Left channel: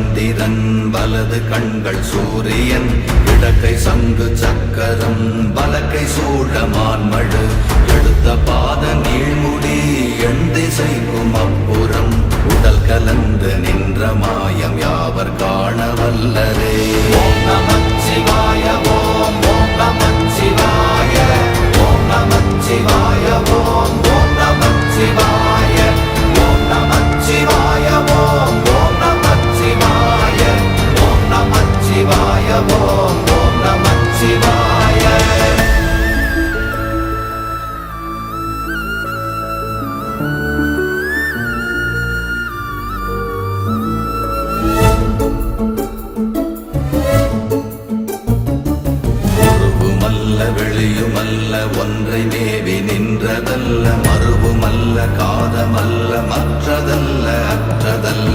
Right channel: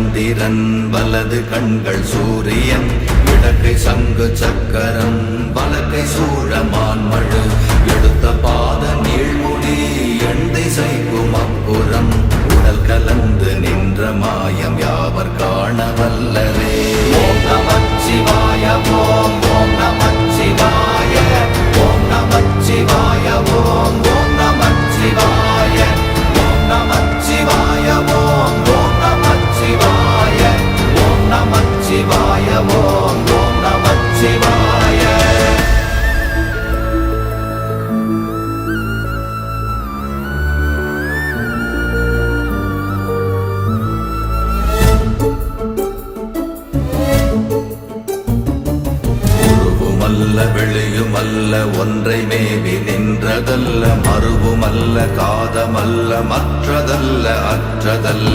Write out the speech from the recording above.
சந்திரன் வலது கண்கள் சூரியன் இடக்கை சங்கு சக்கரம் வலக்கை சூழமான்மழு எடுத்த பாத நீழ்முடி எண் திசைக்கும் அப்புறம் உடல் கலந்து நின்ற மாயம் யாவர் காண வல்லரே. ஓம் நமச்சிவாய ஓம் ஓம் நமச்சிவாய ஓம் நமச்சிவாய ஓம் ஓம் நமச்சிவாய ஓம் நமச்சிவாய ஓம் ஓம் நமச்சிவாய ஓம் நமச்சிவாய ஓம் ஓம் நமச்சிவாய. வெளியுமல்ல ஒன்றை மேவி நின்றதல்ல மறுவுமல்ல காதமல்ல மற்றதல்ல அற்றதல்ல